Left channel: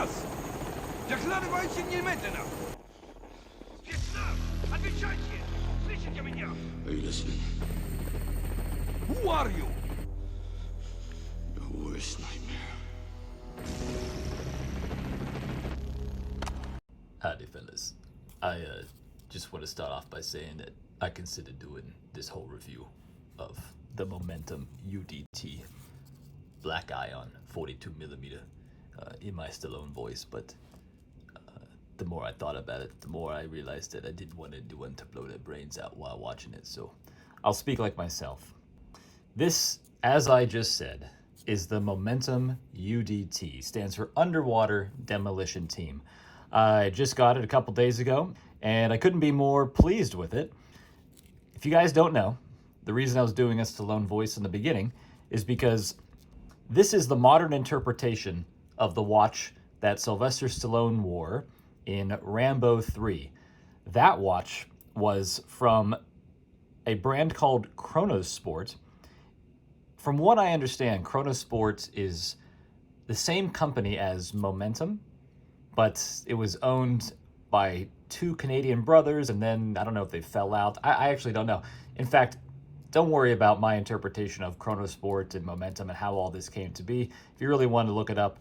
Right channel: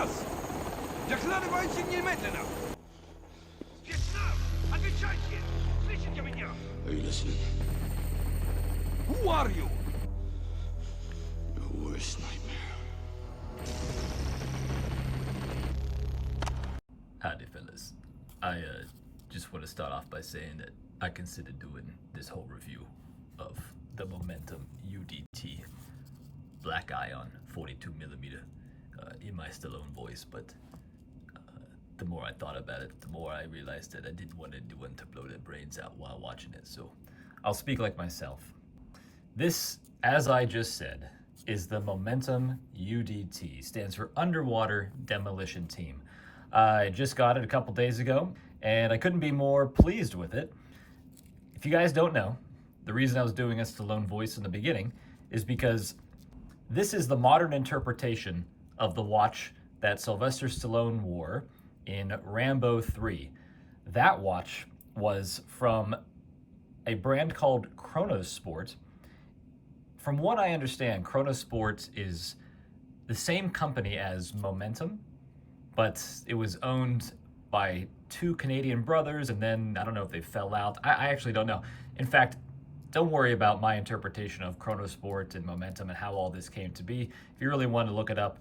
Спецназ! Докладывайте немедленно! Спецназ! Отвечайте! Слышите меня? Are you listening? Who are you? Your worst nightmare. Howdy, fellas. I just want to start off by saying that I considered doing this whole review of the Momentum UDT Black Ion 42mm in my Stallone voice, but the more I thought about it, the more I realized that I didn't want anyone to blow their brains out while watching it, so I'll speak like myself. This, as I just said, is the Momentum UDT, stands for Underwater Demolition Team. I just got it a couple days ago, and I couldn't be more pleased with it. If you guys don't know, the reason I was doing a Stallone voice in the beginning is because this is the modern interpretation of the watch that Sylvester Stallone wore in Rambo 3. That watch was from a brand called Chronosport. From what I understand, Chronosport is the same company as Momentum, but it was owned by two Canadian brothers, and then I don't know if they fell out. I actually don't know. In fact, don't worry about my interpretation of Chronosport and Momentum and how all this came to be. If you really want to look it up,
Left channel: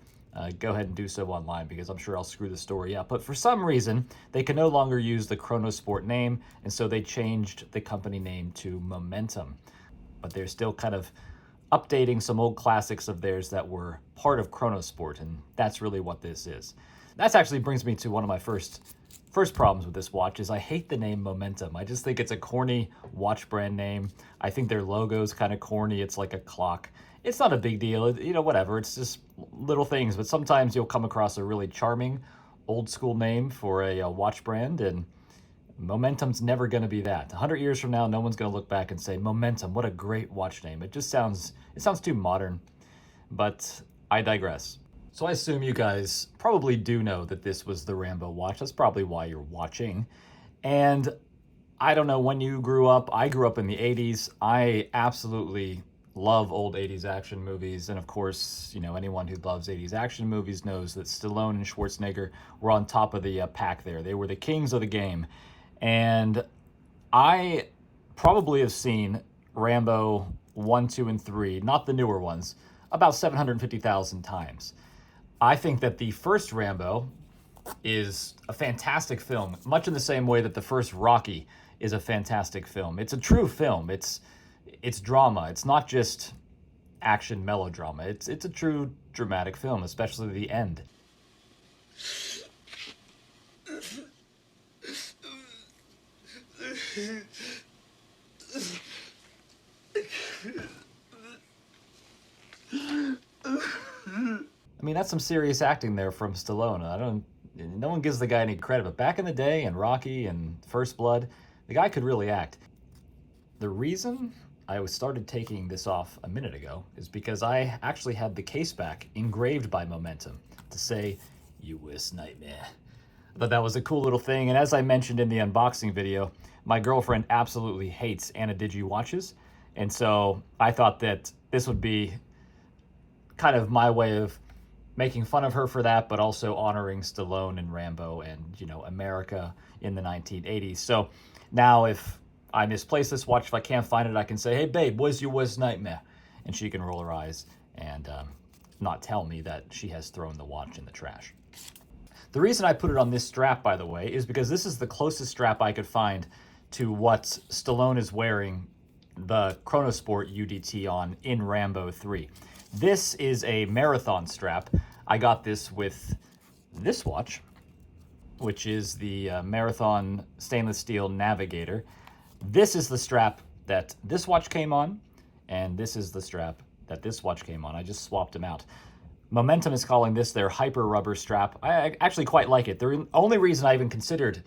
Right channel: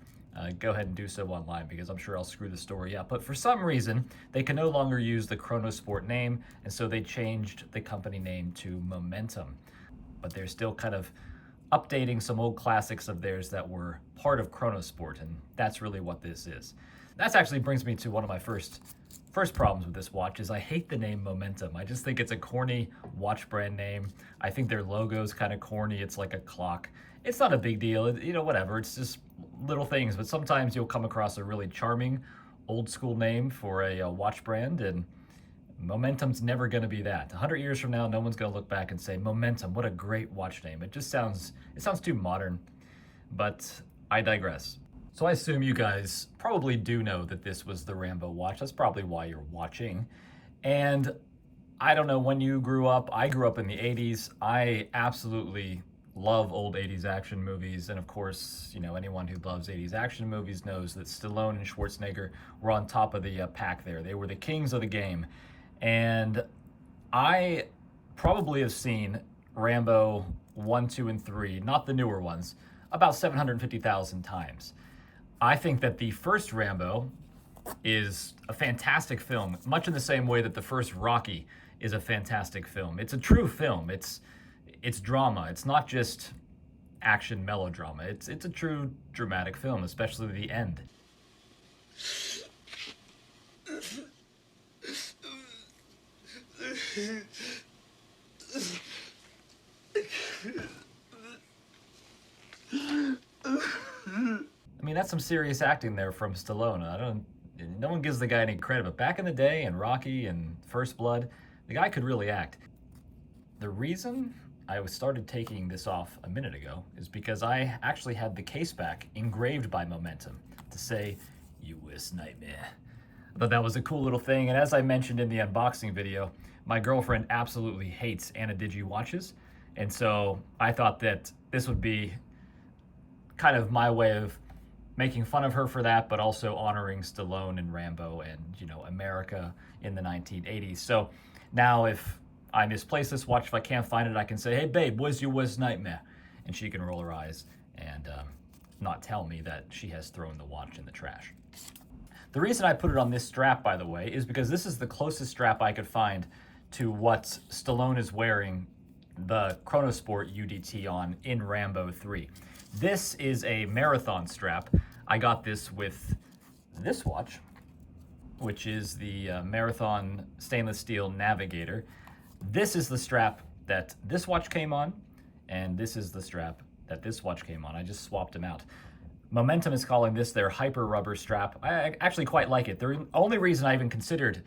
go ahead and do so online, because I'm sure I'll screw the story up. But for some reason, they can no longer use the Chronosport name, and so they changed the company name to Momentum. But they're still kind of updating some old classics of theirs that were part of Chronosport, and that's really what this is. That actually brings me to one of my first problems with this watch is I hate the name Momentum. I just think it's a corny watch brand name. I think their logo's kind of corny. It's like a clock. It's not a big deal, you know, whatever. It's just little things, but sometimes you'll come across a really charming old school name for a watch brand, and Momentum's never going to be that. 100 years from now, no one's going to look back and say, Momentum, what a great watch name. It just sounds too modern, but I digress. So I assume you guys probably do know that this was the Rambo watch. That's probably why you're watching. And I don't know when you grew up. I grew up in the 80s. I absolutely love old 80s action movies. And of course, you know, anyone who loves 80s action movies knows that Stallone and Schwarzenegger were on top of the pack there. They were the kings of the game. And I probably have seen Rambo 1, 2, and 3, not the newer ones, about 750,000 times. I think that the first Rambo is a fantastic film, much in the same way that the first Rocky is a fantastic film. It's a true film. It's drama. It's not just action melodrama. It's a true dramatic film, especially the end. I mean, that's some serious acting there from Stallone. No one gives the guy any credit, but back in the day, in Rocky and First Blood, the guy could really act. The reason I started taking this off a minute ago is because I actually had the case back engraved by Momentum to say, "U.S. Nightmare." I thought that was a cool little thing, and as I mentioned in the unboxing video, my girlfriend absolutely hates Anna-Digi watches, and so I thought that this would be kind of my way of making fun of her for that, but also honoring Stallone and Rambo and, you know, America in the 1980s. So now if I misplace this watch, if I can't find it, I can say, "Hey babe, where's your worst nightmare?" And she can roll her eyes and not tell me that she has thrown the watch in the trash. The reason I put it on this strap, by the way, is because this is the closest strap I could find to what Stallone is wearing the Chronosport UDT on in Rambo 3. This is a marathon strap. I got this with this watch, which is the Marathon stainless steel Navigator. This is the strap that this watch came on, and this is the strap that this watch came on. I just swapped them out. Momentum is calling this their hyper rubber strap. I actually quite like it. The only reason I even considered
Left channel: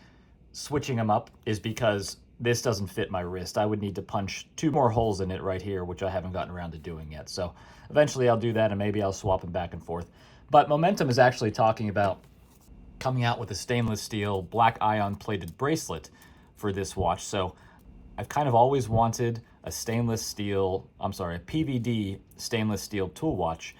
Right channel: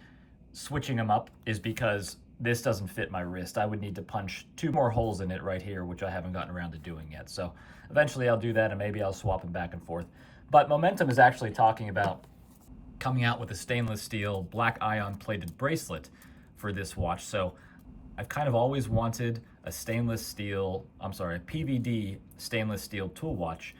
switching them up is because this doesn't fit my wrist. I would need to punch 2 more holes in it right here, which I haven't gotten around to doing yet. So eventually I'll do that, and maybe I'll swap them back and forth. But Momentum is actually talking about coming out with a stainless steel black ion plated bracelet for this watch. So I've kind of always wanted a PVD stainless steel tool watch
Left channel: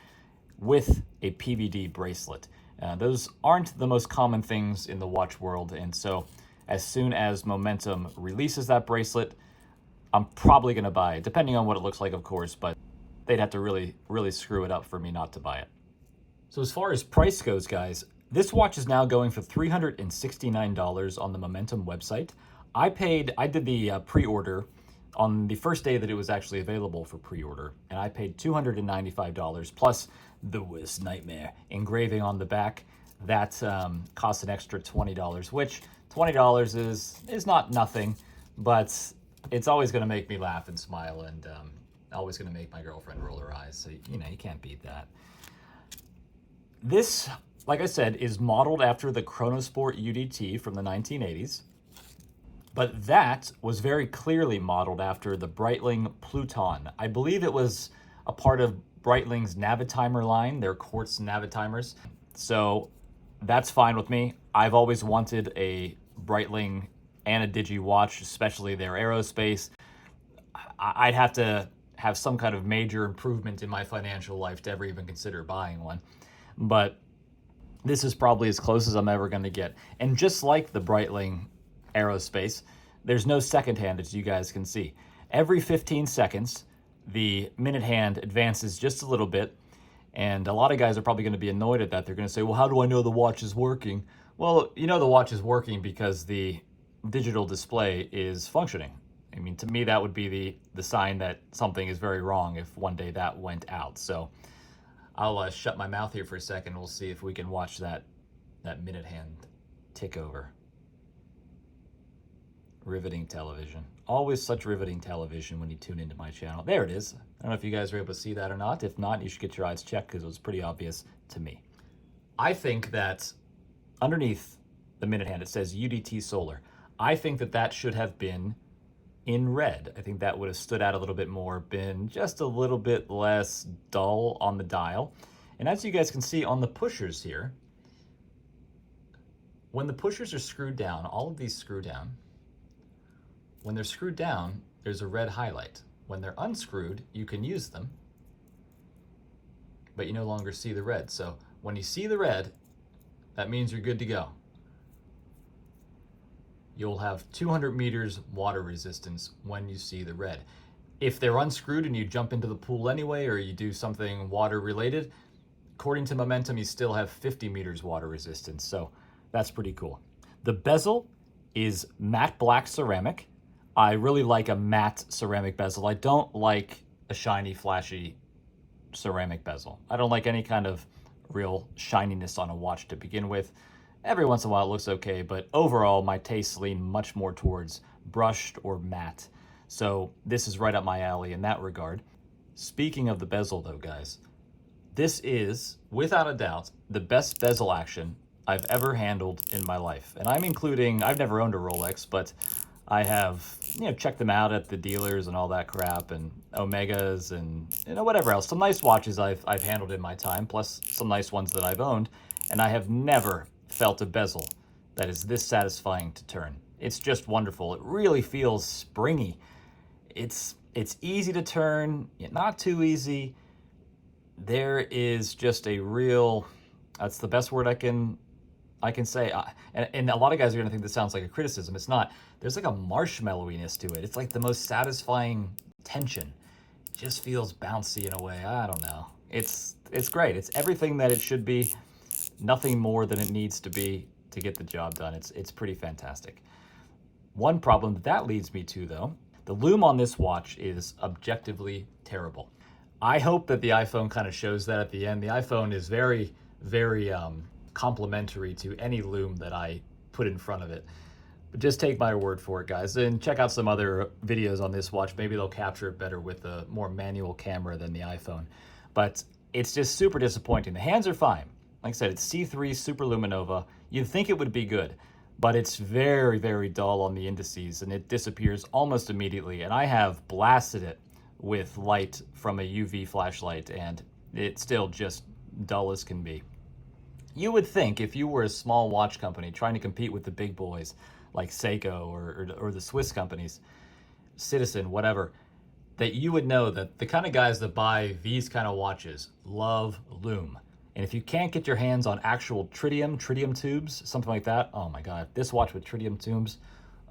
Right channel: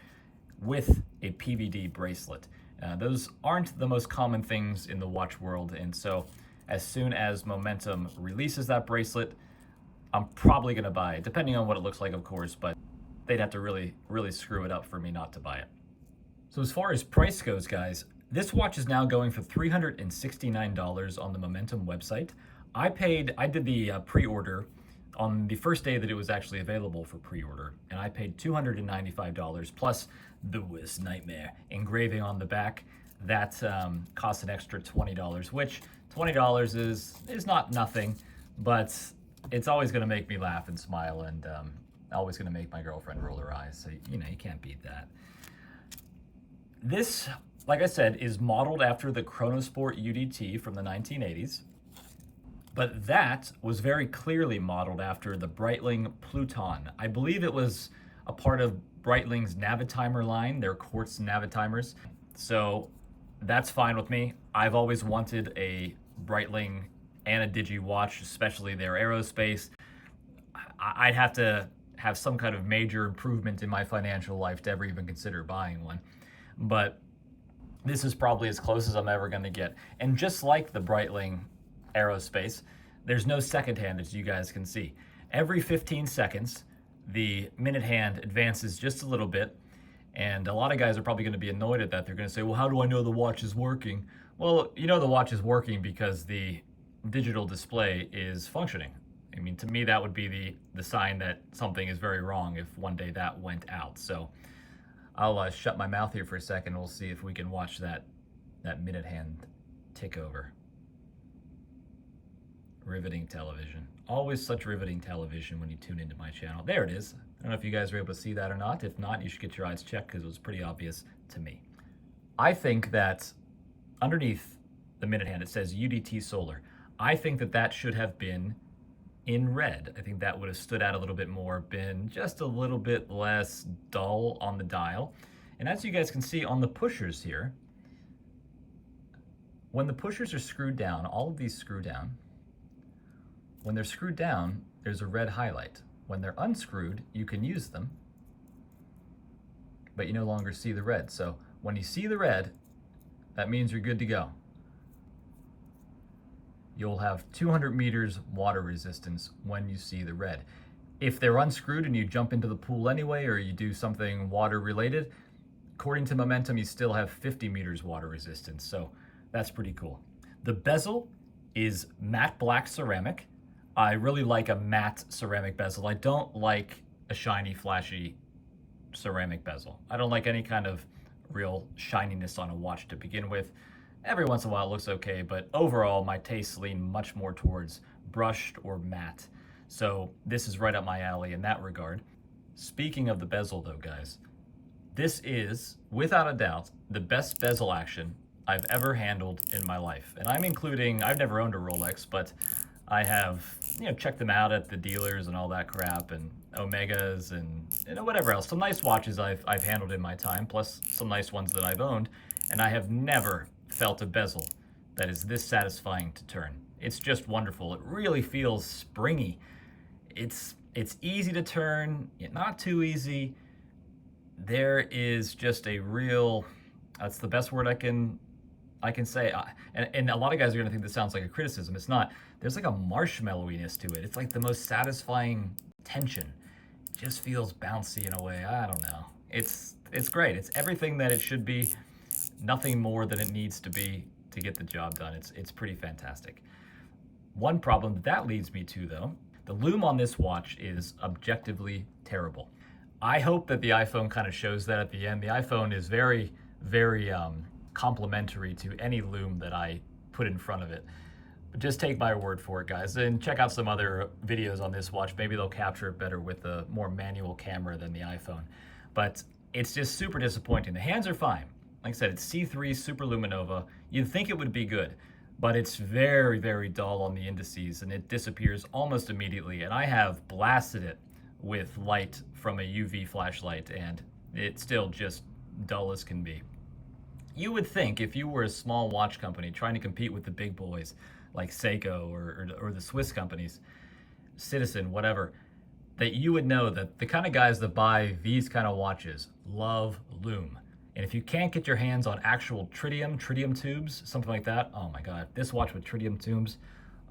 with a PVD bracelet. Those aren't the most common things in the watch world, and so as soon as Momentum releases that bracelet, I'm probably going to buy it, depending on what it looks like, of course, but they'd have to really, really screw it up for me not to buy it. So as far as price goes, guys, this watch is now going for $369 on the Momentum website. I did the pre-order on the first day that it was actually available for pre-order, and I paid $295 plus the Worst Nightmare engraving on the back. That costs an extra $20, which $20 is not nothing, but it's always going to make me laugh and smile, and always going to make my girlfriend roll her eyes. So, you know, you can't beat that. This, like I said, is modeled after the Chronosport UDT from the 1980s, but that was very clearly modeled after the Breitling Pluton. I believe it was a part of Breitling's Navitimer line, their quartz Navitimers. So that's fine with me. I've always wanted a Breitling and a Digi watch, especially their aerospace. I'd have to have some kind of major improvement in my financial life to ever even consider buying one. But this is probably as close as I'm ever going to get. And just like the Breitling aerospace, there's no second hand, as you guys can see. Every 15 seconds, the minute hand advances just a little bit, and a lot of guys are probably going to be annoyed at that. They're going to say, well, how do I know the watch is working? Well, you know the watch is working because the digital display is functioning. I mean, to me, that would be the sign that something is very wrong if one day that went out. So I'll shut my mouth here for a second. We'll see if we can watch that minute hand tick over. Riveting television. Always such riveting television when you tune into my channel. There it is. I don't know if you guys are able to see that or not. If not, you should get your eyes checked because it was pretty obvious to me. I think that underneath the minute hand, it says UDT Solar. I think that should have been in red. I think that would have stood out a little bit more, been just a little bit less dull on the dial. And as you guys can see on the pushers here, when the pushers are screwed down, all of these screw down. When they're screwed down, there's a red highlight. When they're unscrewed, you can use them, but you no longer see the red. So when you see the red, that means you're good to go. You'll have 200 meters water resistance when you see the red. If they're unscrewed and you jump into the pool anyway, or you do something water related, according to Momentum, you still have 50 meters water resistance. So that's pretty cool. The bezel is matte black ceramic. I really like a matte ceramic bezel. I don't like a shiny, flashy ceramic bezel. I don't like any kind of real shininess on a watch to begin with. Every once in a while it looks okay, but overall my tastes lean much more towards brushed or matte. So this is right up my alley in that regard. Speaking of the bezel though, guys, this is, without a doubt, the best bezel action I've ever handled in my life. And I'm including, I've never owned a Rolex, but I have, checked them out at the dealers and all that crap, and Omegas and whatever else. Some nice watches I've handled in my time, plus some nice ones that I've owned, and I have never felt a bezel that is this satisfying to turn. It's just wonderful. It really feels springy. It's easy to turn, not too easy. There is just a real, that's the best word I can say. And a lot of guys are gonna think this sounds like a criticism. It's not. There's like a marshmallowiness to it. It's like the most satisfying tension. It just feels bouncy in a way. I don't know. It's great. It's everything that it should be. Nothing more than it needs to be to get the job done. It's pretty fantastic. One problem that leads me to, though, the lume on this watch is objectively terrible. I hope that the iPhone kind of shows that at the end. The iPhone is very, very complimentary to any lume that I put in front of it. But just take my word for it, guys, and check out some other videos on this watch. Maybe they'll capture it better with a more manual camera than the iPhone. But it's just super disappointing. The hands are fine. Like I said, it's C3 Super Luminova. You'd think it would be good, but it's very, very dull on the indices, and it disappears almost immediately. And I have blasted it with light from a UV flashlight, and it's still just dull as can be. You would think if you were a small watch company trying to compete with the big boys like Seiko or the Swiss companies, Citizen, whatever, that you would know that the kind of guys that buy these kind of watches love lume. And if you can't get your hands on actual tritium tubes, something like that, oh my God, this watch with tritium tubes,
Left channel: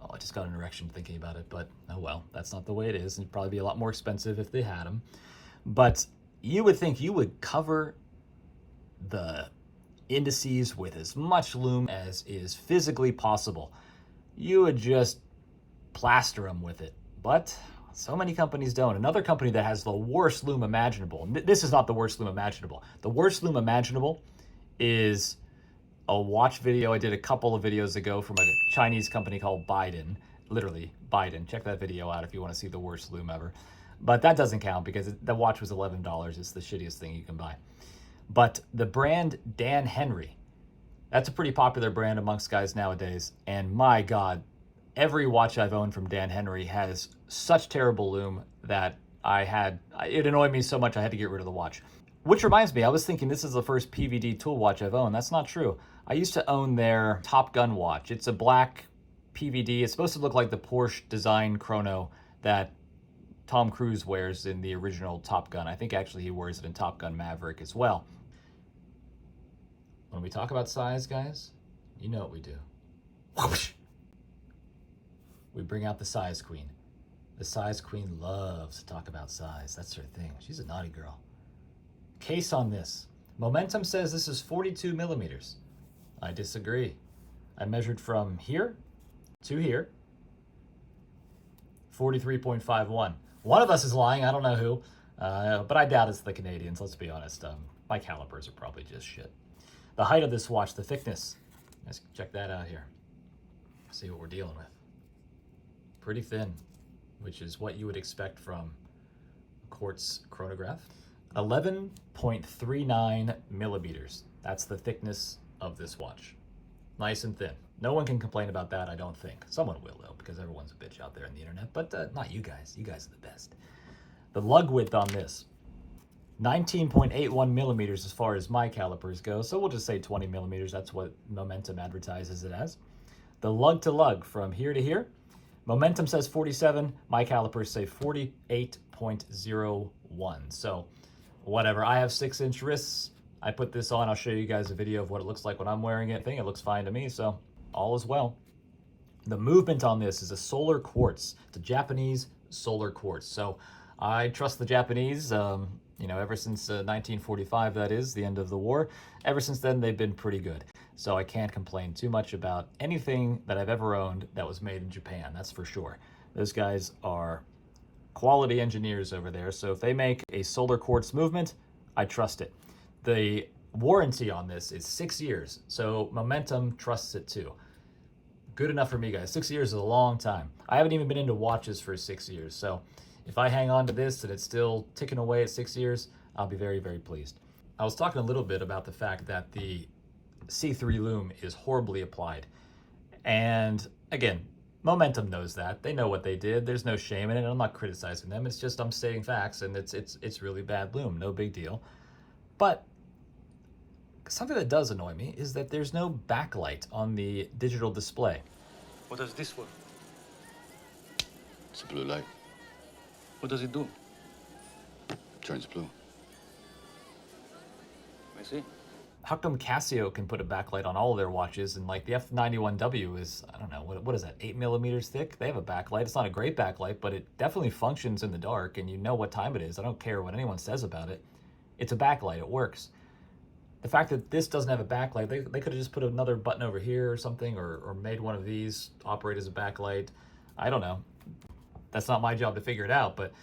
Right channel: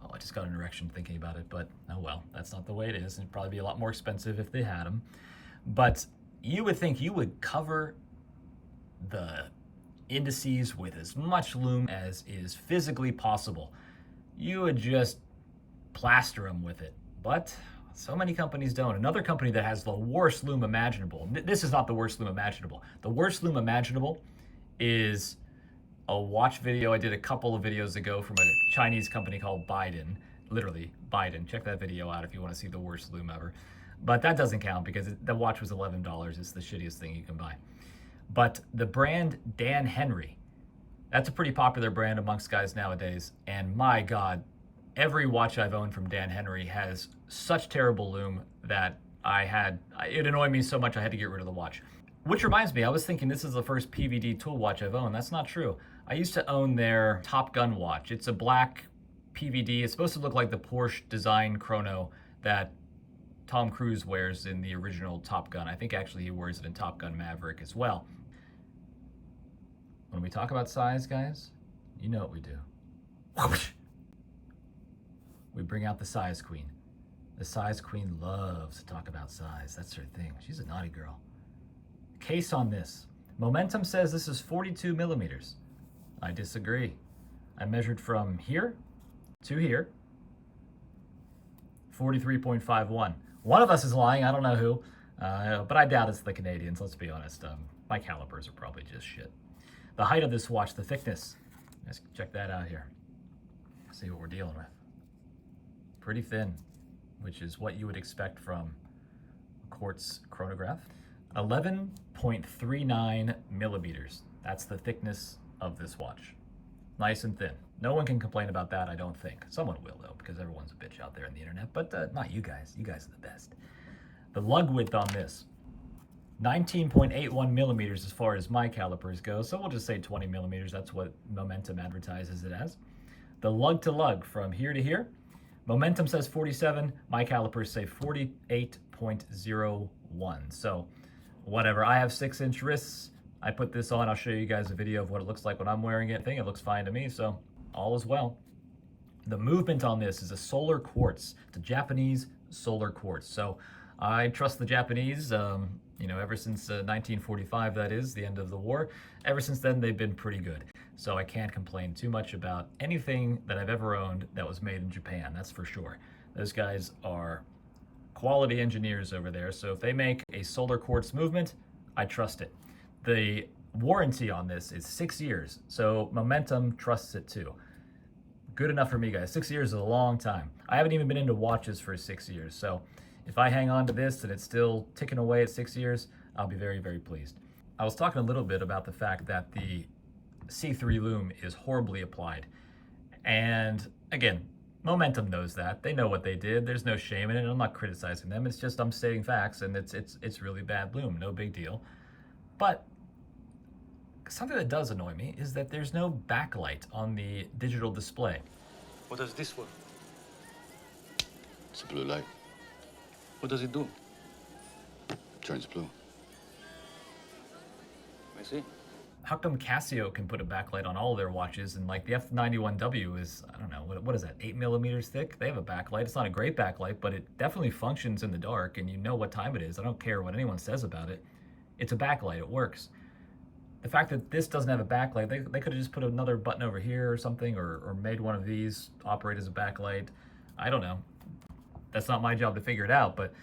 oh, I just got an erection thinking about it, but oh well, that's not the way it is. It'd probably be a lot more expensive if they had them. But you would think you would cover the indices with as much lume as is physically possible. You would just plaster them with it. But so many companies don't. Another company that has the worst lume imaginable, this is not the worst lume imaginable. The worst lume imaginable is a watch video I did a couple of videos ago from a Chinese company called Biden. Literally, Biden. Check that video out if you want to see the worst lume ever. But that doesn't count because the watch was $11. It's the shittiest thing you can buy. But the brand Dan Henry, that's a pretty popular brand amongst guys nowadays. And my God, every watch I've owned from Dan Henry has such terrible lume that it annoyed me so much I had to get rid of the watch. Which reminds me, I was thinking this is the first PVD tool watch I've owned. That's not true. I used to own their Top Gun watch. It's a black PVD. It's supposed to look like the Porsche design chrono that Tom Cruise wears in the original Top Gun. I think actually he wears it in Top Gun Maverick as well. When we talk about size, guys, you know what we do. Whoosh. We bring out the size queen. The size queen loves to talk about size. That's her thing. She's a naughty girl. Case on this. Momentum says this is 42 millimeters. I disagree. I measured from here to here, 43.51. One of us is lying, I don't know who, but I doubt it's the Canadians, let's be honest. My calipers are probably just shit. The height of this watch, the thickness, let's check that out here. See what we're dealing with. Pretty thin, which is what you would expect from a quartz chronograph. 11.39 millimeters. That's the thickness of this watch. Nice and thin. No one can complain about that, I don't think. Someone will, though, because everyone's a bitch out there on the internet, but not you guys. You guys are the best. The lug width on this, 19.81 millimeters as far as my calipers go, so we'll just say 20 millimeters. That's what Momentum advertises it as. The lug to lug from here to here, Momentum says 47, my calipers say 48.01. So whatever, I have 6-inch wrists. I put this on, I'll show you guys a video of what it looks like when I'm wearing it. I think it looks fine to me, so all is well. The movement on this is a solar quartz. It's a Japanese solar quartz. So I trust the Japanese, ever since 1945, that is, the end of the war. Ever since then, they've been pretty good. So I can't complain too much about anything that I've ever owned that was made in Japan, that's for sure. Those guys are quality engineers over there, so if they make a solar quartz movement, I trust it. The warranty on this is 6 years, so Momentum trusts it too. Good enough for me, guys. 6 years is a long time. I haven't even been into watches for 6 years, so if I hang on to this and it's still ticking away at 6 years, I'll be very, very pleased. I was talking a little bit about the fact that the C3 lume is horribly applied. And again, Momentum knows that. They know what they did. There's no shame in it. I'm not criticizing them. It's just I'm stating facts, and it's really bad lume. No big deal. But something that does annoy me is that there's no backlight on the digital display. What does this work? It's a blue light. What does it do? Turns blue. I see. How come Casio can put a backlight on all of their watches, and like the F91W is, I don't know, what is that, 8 millimeters thick? They have a backlight. It's not a great backlight, but it definitely functions in the dark, and you know what time it is. I don't care what anyone says about it. It's a backlight. It works. The fact that this doesn't have a backlight, they could have just put another button over here or something, or made one of these operate as a backlight. I don't know. That's not my job to figure it out, but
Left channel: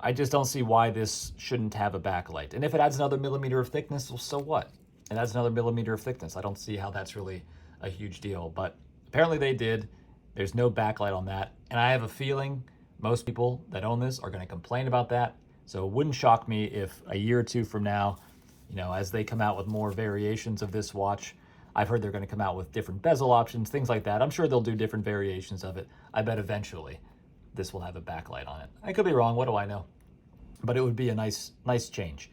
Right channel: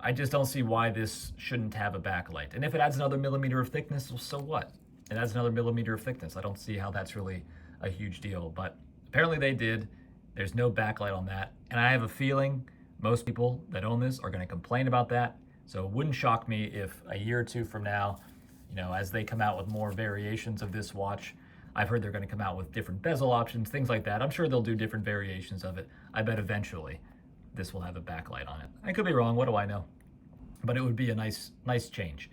I just don't see why this shouldn't have a backlight. And if it adds another millimeter of thickness, well, so what? It adds another millimeter of thickness. I don't see how that's really a huge deal, but apparently they did. There's no backlight on that. And I have a feeling most people that own this are going to complain about that. So it wouldn't shock me if a year or two from now, as they come out with more variations of this watch, I've heard they're going to come out with different bezel options, things like that. I'm sure they'll do different variations of it. I bet eventually this will have a backlight on it. I could be wrong, what do I know? But it would be a nice change.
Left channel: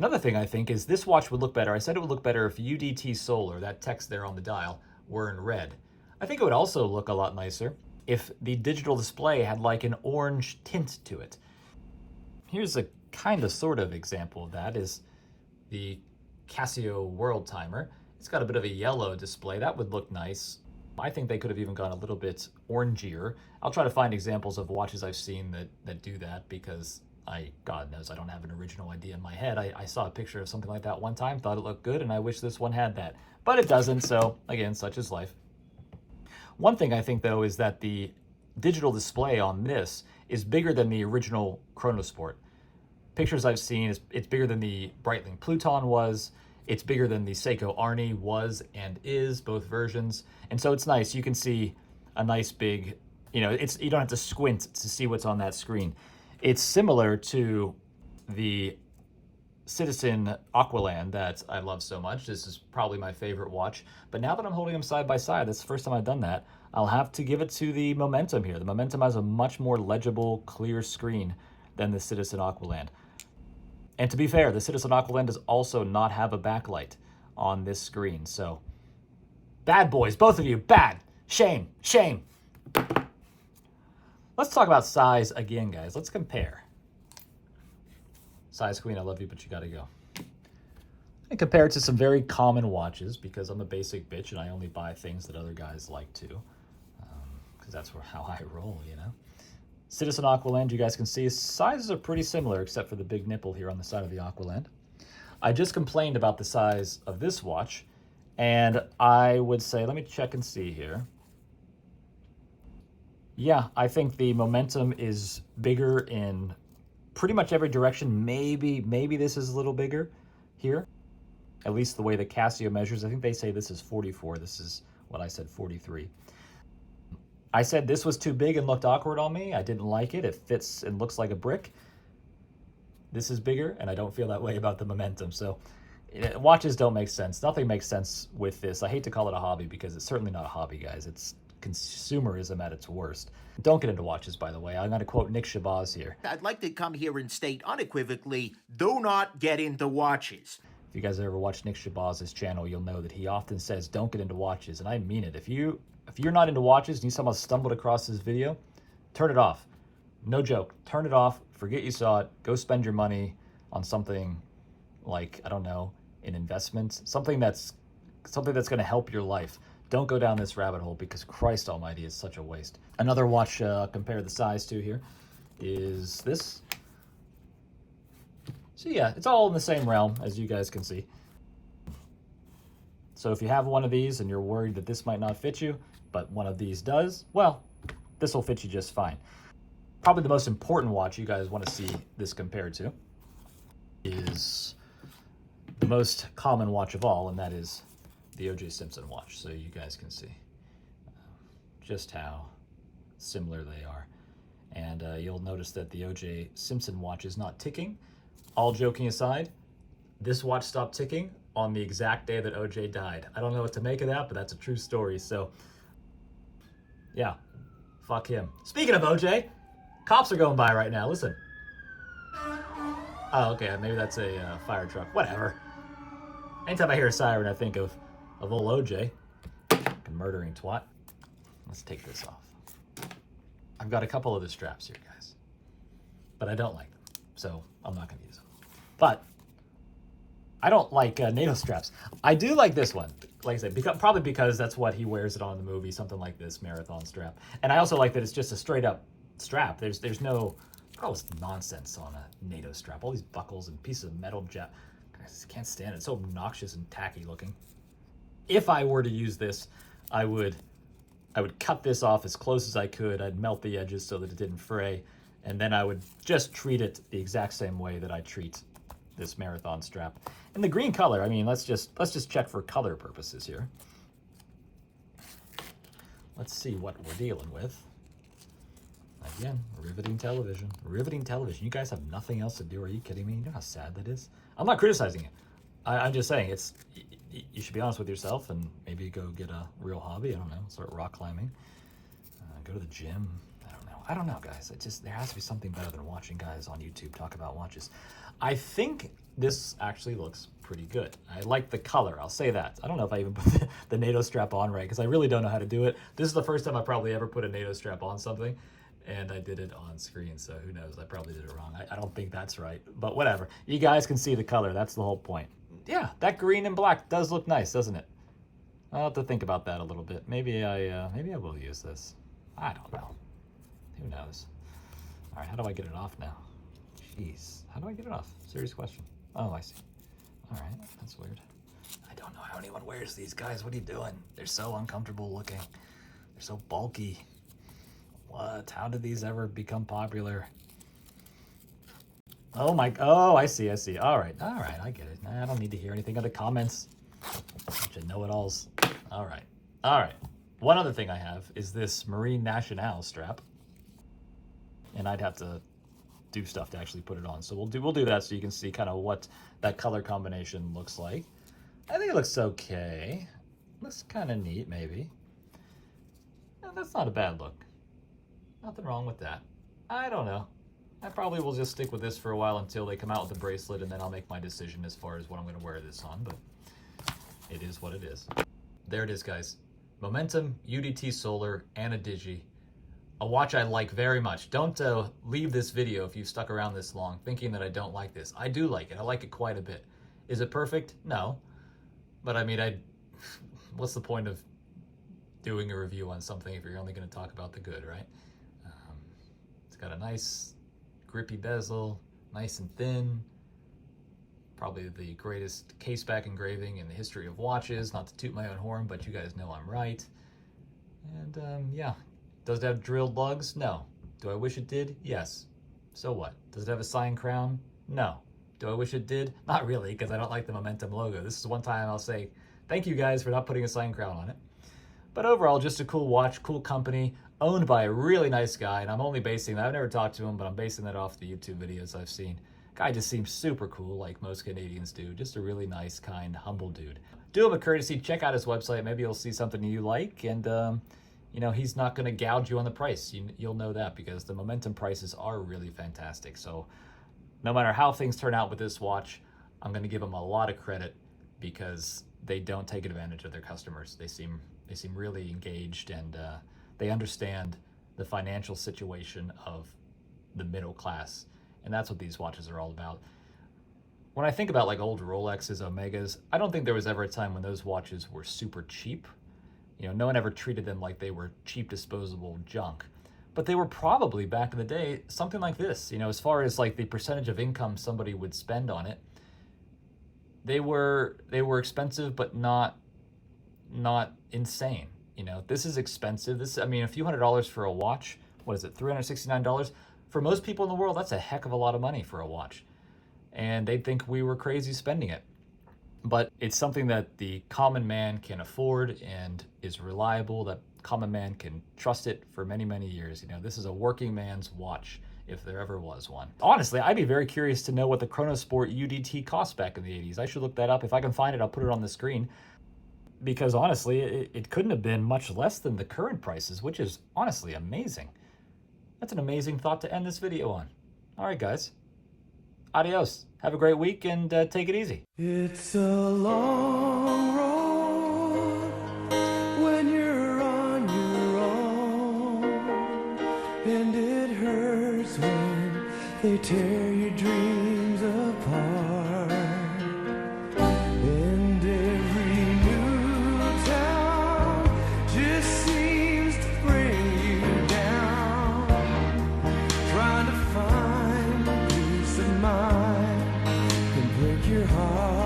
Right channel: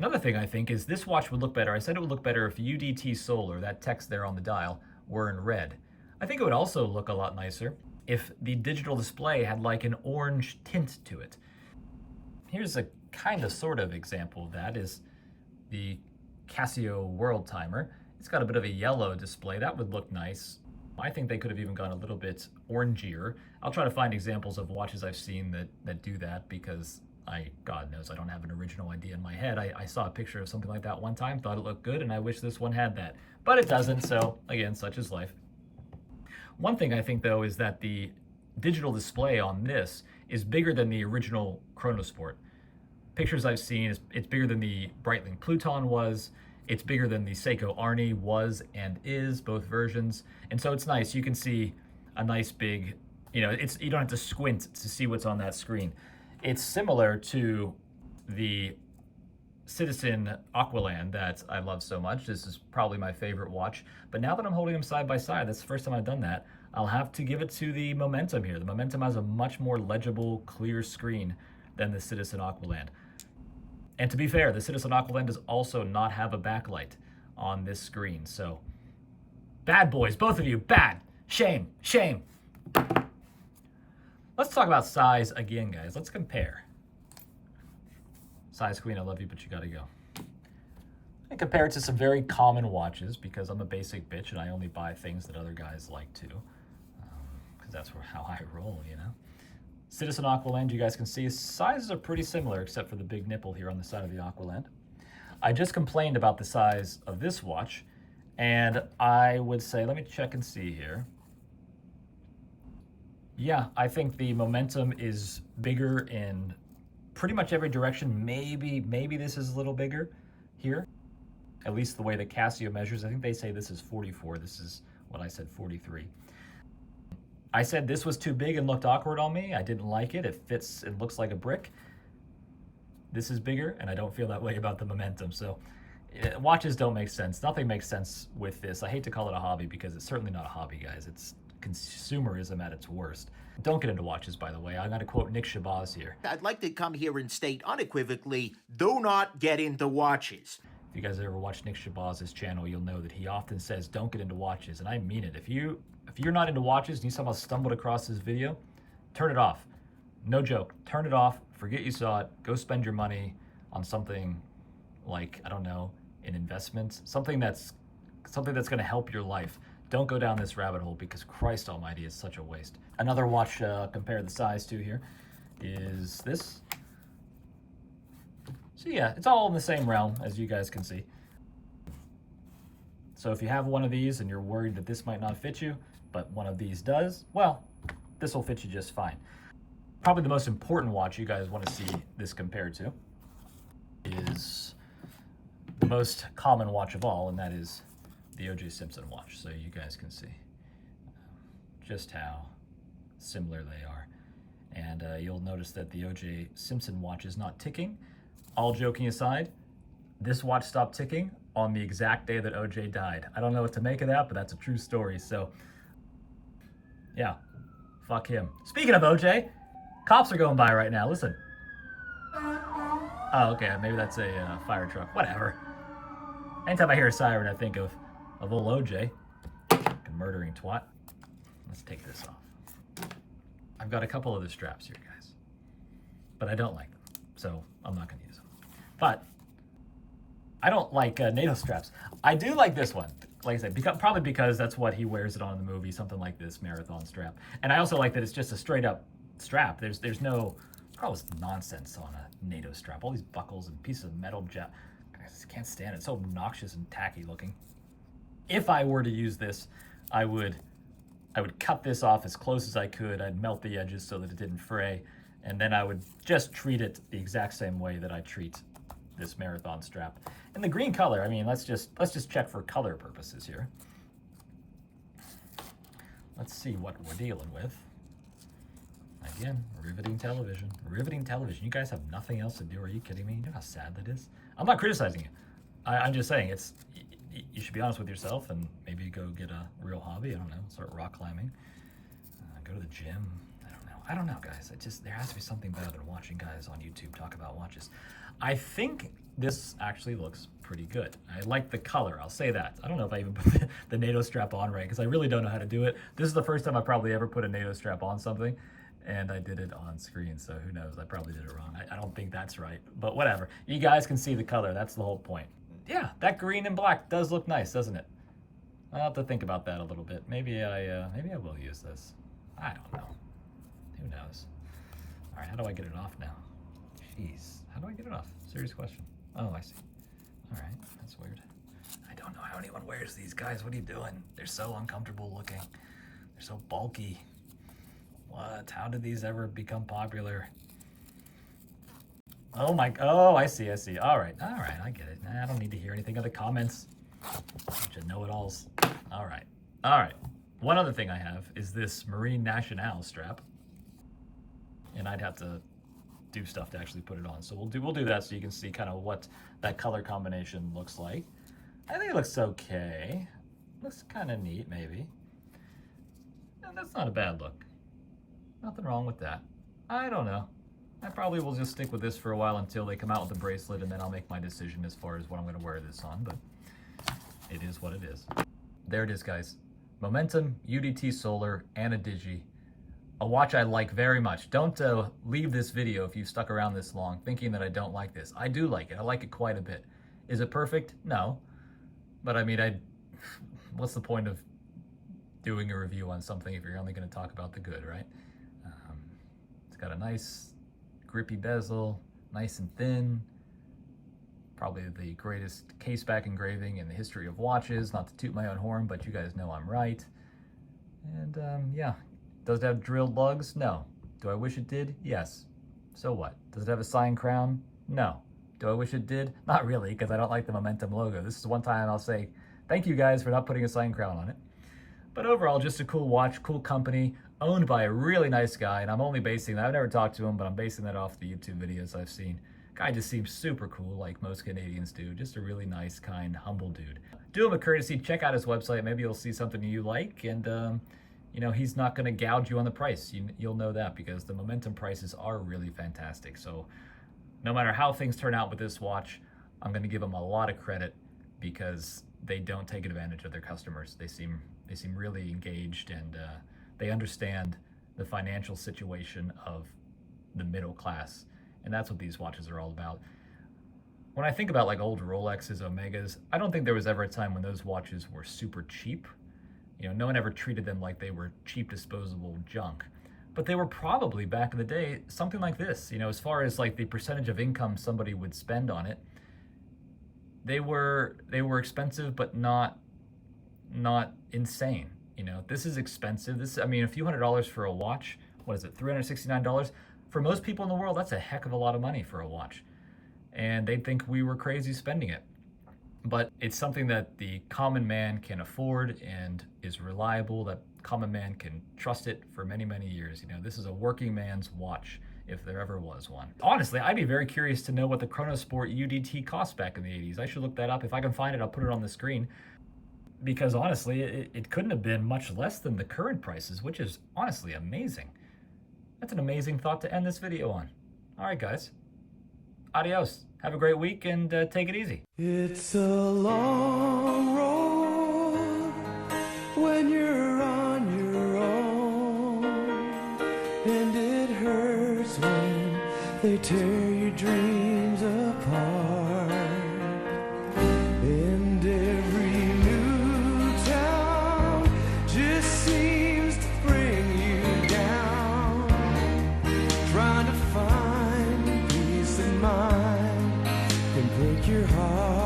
Another thing I think is this watch would look better. I said it would look better if UDT Solar, that text there on the dial, were in red. I think it would also look a lot nicer if the digital display had like an orange tint to it. Here's a kind of sort of example of that is the Casio World Timer. It's got a bit of a yellow display. That would look nice. I think they could have even gone a little bit orangier. I'll try to find examples of watches I've seen that do that, because God knows I don't have an original idea in my head. I saw a picture of something like that one time, thought it looked good, and I wish this one had that. But it doesn't, so again, such is life. One thing I think, though, is that the digital display on this is bigger than the original Chronosport. Pictures I've seen, it's bigger than the Breitling Pluton was. It's bigger than the Seiko Arnie was and is, both versions. And so it's nice. You can see a nice big, you don't have to squint to see what's on that screen. It's similar to the Citizen Aqualand that I love so much. This is probably my favorite watch. But now that I'm holding them side by side, that's the first time I've done that, I'll have to give it to the Momentum here. The Momentum has a much more legible, clear screen than the Citizen Aqualand. And to be fair, the Citizen Aqualand does also not have a backlight on this screen. So, bad boys, both of you, bad. Shame, shame. Let's talk about size again, guys. Let's compare. Size queen, I love you, but you gotta go. And compare it to some very common watches, because I'm a basic bitch and I only buy things that other guys like too. Because that's how I roll, Citizen Aqualand, you guys can see, sizes are pretty similar except for the big nipple here on the side of the Aqualand. I just complained about the size of this watch, and I would say, let me check and see here. Yeah, I think the Momentum is bigger in pretty much every direction. Maybe this is a little bigger here, at least the way the Casio measures. I think they say this is 44. This is what I said, 43. I said this was too big and looked awkward on me. I didn't like it. It fits and looks like a brick. This is bigger, and I don't feel that way about the Momentum. So watches don't make sense. Nothing makes sense with this. I hate to call it a hobby, because it's certainly not a hobby, guys. It's consumerism at its worst. Don't get into watches, by the way. I'm going to quote Nick Shabazz here. I'd like to come here and state unequivocally, do not get into watches. If you guys ever watch Nick Shabazz's channel, you'll know that he often says, don't get into watches. And I mean it. If you're not into watches and you somehow stumbled across this video, turn it off. No joke. Turn it off. Forget you saw it. Go spend your money on something like, I don't know, an investment. Something that's going to help your life. Don't go down this rabbit hole, because Christ almighty, is such a waste. Another watch compare the size to here is this. So yeah, it's all in the same realm, as you guys can see. So if you have one of these and you're worried that this might not fit you, but one of these does, well, this will fit you just fine. Probably the most important watch you guys want to see this compared to is the most common watch of all, and that is the O.J. Simpson watch. So you guys can see just how similar they are. And you'll notice that the O.J. Simpson watch is not ticking. All joking aside, this watch stopped ticking on the exact day that O.J. died. I don't know what to make of that, but that's a true story. So yeah, fuck him. Speaking of O.J., cops are going by right now. Listen. Oh, okay, maybe that's a fire truck. Whatever. Anytime I hear a siren, I think of old O.J. Murdering twat. Let's take this off. I've got a couple of the straps here, guys, but I don't like them, so I'm not going to use them. But I don't like NATO straps. I do like this one, like I said, probably because that's what he wears it on in the movie, something like this marathon strap. And I also like that it's just a straight up strap. There's no gross nonsense on a NATO strap. All these buckles and pieces of metal I just can't stand it. It's so obnoxious and tacky looking. If I were to use this, I would cut this off as close as I could. I'd melt the edges so that it didn't fray, and then I would just treat it the exact same way that I treat this marathon strap. And the green color, I mean, let's just check for color purposes here. Let's see what we're dealing with. Again, riveting television. Riveting television. You guys have nothing else to do. Are you kidding me? You know how sad that is? I'm not criticizing it. I'm just saying you should be honest with yourself and maybe go get a real hobby. I don't know. Start rock climbing. Go to the gym. I don't know, guys. There has to be something better than watching guys on YouTube talk about watches. I think this actually looks pretty good. I like the color. I'll say that. I don't know if I even put the NATO strap on right, because I really don't know how to do it. This is the first time I probably ever put a NATO strap on something, and I did it on screen, so who knows? I probably did it wrong. I don't think that's right, but whatever. You guys can see the color. That's the whole point. Yeah, that green and black does look nice, doesn't it? I'll have to think about that a little bit. Maybe I will use this. I don't know. Who knows? All right, how do I get it off now? Jeez, how do I get it off? Serious question. Oh, I see. All right, that's weird. I don't know how anyone wears these, guys. What are you doing? They're so uncomfortable looking. They're so bulky. What? How did these ever become popular? Oh my, oh, I see. All right, I get it. I don't need to hear anything in the comments. Bunch of know-it-alls. All right. One other thing I have is this Marine Nationale strap. And I'd have to do stuff to actually put it on. So we'll do that so you can see kind of what that color combination looks like. I think it looks okay. Looks kind of neat, maybe. No, that's not a bad look. Nothing wrong with that. I don't know. I probably will just stick with this for a while until they come out with the bracelet, and then I'll make my decision as far as what I'm going to wear this on, but it is what it is. There it is, guys. Momentum, UDT Solar, and a Digi. A watch I like very much. Don't leave this video if you've stuck around this long thinking that I don't like this. I do like it. I like it quite a bit. Is it perfect? No. But I mean, what's the point of doing a review on something if you're only going to talk about the good, right? It's got a nice grippy bezel, nice and thin. Probably the greatest case-back engraving in the history of watches. Not to toot my own horn, but you guys know I'm right. And yeah, does it have drilled lugs? No. Do I wish it did? Yes. So what? Does it have a signed crown? No. Do I wish it did? Not really, because I don't like the Momentum logo. This is one time I'll say thank you guys for not putting a signed crown on it. But overall, just a cool watch, cool company, owned by a really nice guy, and I'm only basing that. I've never talked to him, but I'm basing that off the YouTube videos I've seen. Guy just seems super cool, like most Canadians do. Just a really nice, kind, humble dude. Do him a courtesy, check out his website. Maybe you'll see something you like, and you know, he's not going to gouge you on the price. You'll know that because the Momentum prices are really fantastic. So no matter how things turn out with this watch, I'm going to give them a lot of credit because they don't take advantage of their customers. They seem really engaged, and they understand the financial situation of the middle class. And that's what these watches are all about. When I think about like old Rolexes, Omegas, I don't think there was ever a time when those watches were super cheap. You know, no one ever treated them like they were cheap, disposable junk. But they were probably, back in the day, something like this. You know, as far as like the percentage of income somebody would spend on it, they were expensive, but not insane. You know, this is expensive. I mean, a few $100s for a watch. What is it, $369? For most people in the world, that's a heck of a lot of money for a watch. And they'd think we were crazy spending it. But it's something that the common man can afford and is reliable, that common man can trust it for many, many years. You know, this is a working man's watch, if there ever was one. Honestly, I'd be very curious to know what the Chronosport UDT cost back in the 80s. I should look that up. If I can find it, I'll put it on the screen. Because honestly, it couldn't have been much less than the current prices, which is honestly amazing. That's an amazing thought to end this video on. All right, guys. Adios. Have a great week and take it easy. It's a long road when you're on your own, and it hurts when they tear your dreams apart. And every new town just seems to bring you down, trying to find peace of mind and break your heart.